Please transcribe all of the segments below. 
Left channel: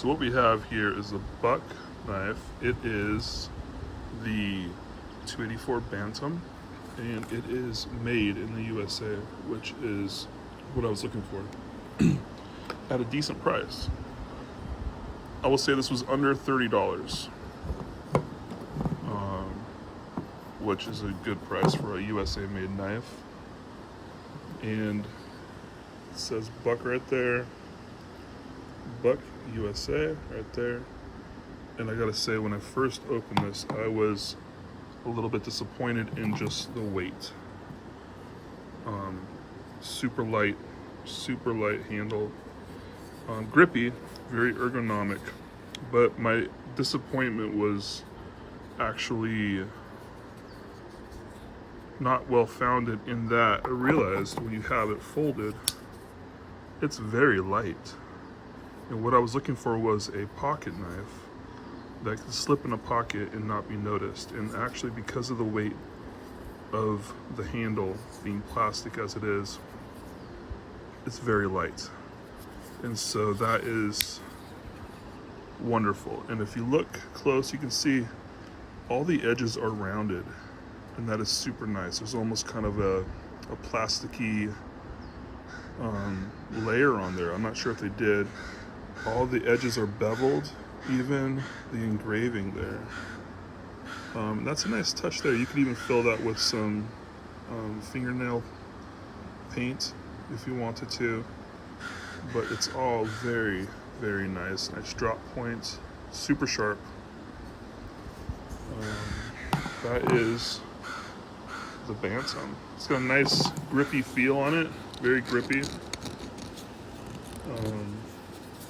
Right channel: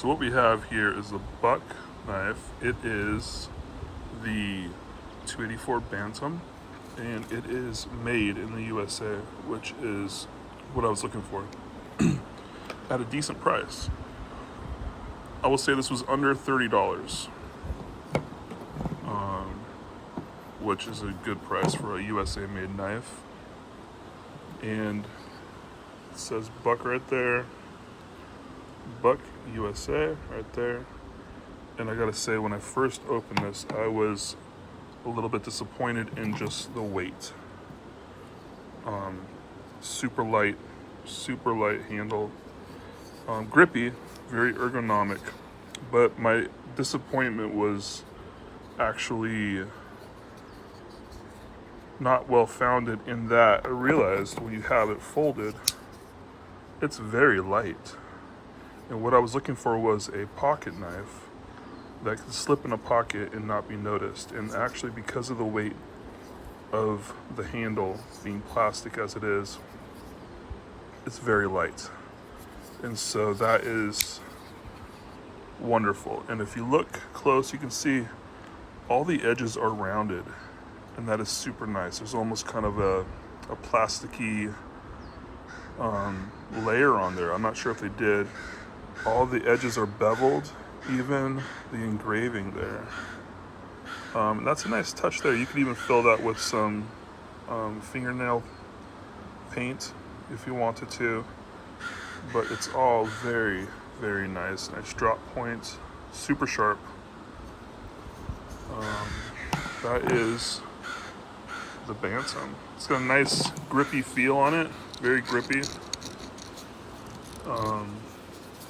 So what we have here is the buck knife. It is the 284 Bantam, and it is made in the USA, which is what I was looking for at a decent price. I will say this was under $30, which is a good price for a USA made knife. And it says Buck right there, Buck USA right there. And I gotta say, when I first opened this, I was a little bit disappointed in just the weight. Super light handle. Grippy, very ergonomic. But my disappointment was actually not well founded in that I realized when you have it folded, it's very light. And what I was looking for was a pocket knife that could slip in a pocket and not be noticed. And actually, because of the weight of the handle being plastic as it is, it's very light. And so that is wonderful. And if you look close, you can see all the edges are rounded, and that is super nice. There's almost kind of a plasticky layer on there. I'm not sure if they did. All the edges are beveled, even the engraving there. That's a nice touch there. You could even fill that with some fingernail paint if you wanted to, but it's all very, very nice. Nice drop point, super sharp. That is the Bantam. It's got a nice grippy feel on it, very grippy.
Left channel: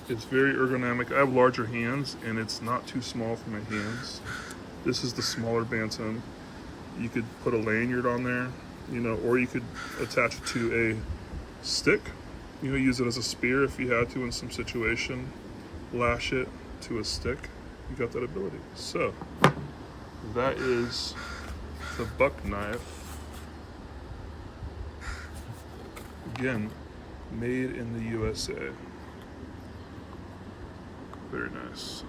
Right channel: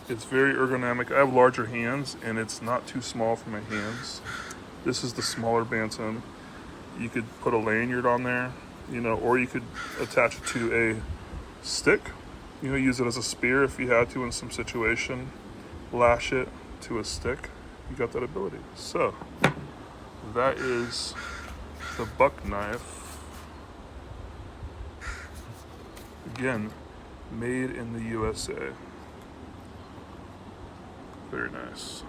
It's very ergonomic. I have larger hands, and it's not too small for my hands. This is the smaller Bantam. You could put a lanyard on there, or you could attach it to a stick. Use it as a spear if you had to in some situation. Lash it to a stick. You got that ability. So that is the buck knife. Again, made in the USA. Very nice.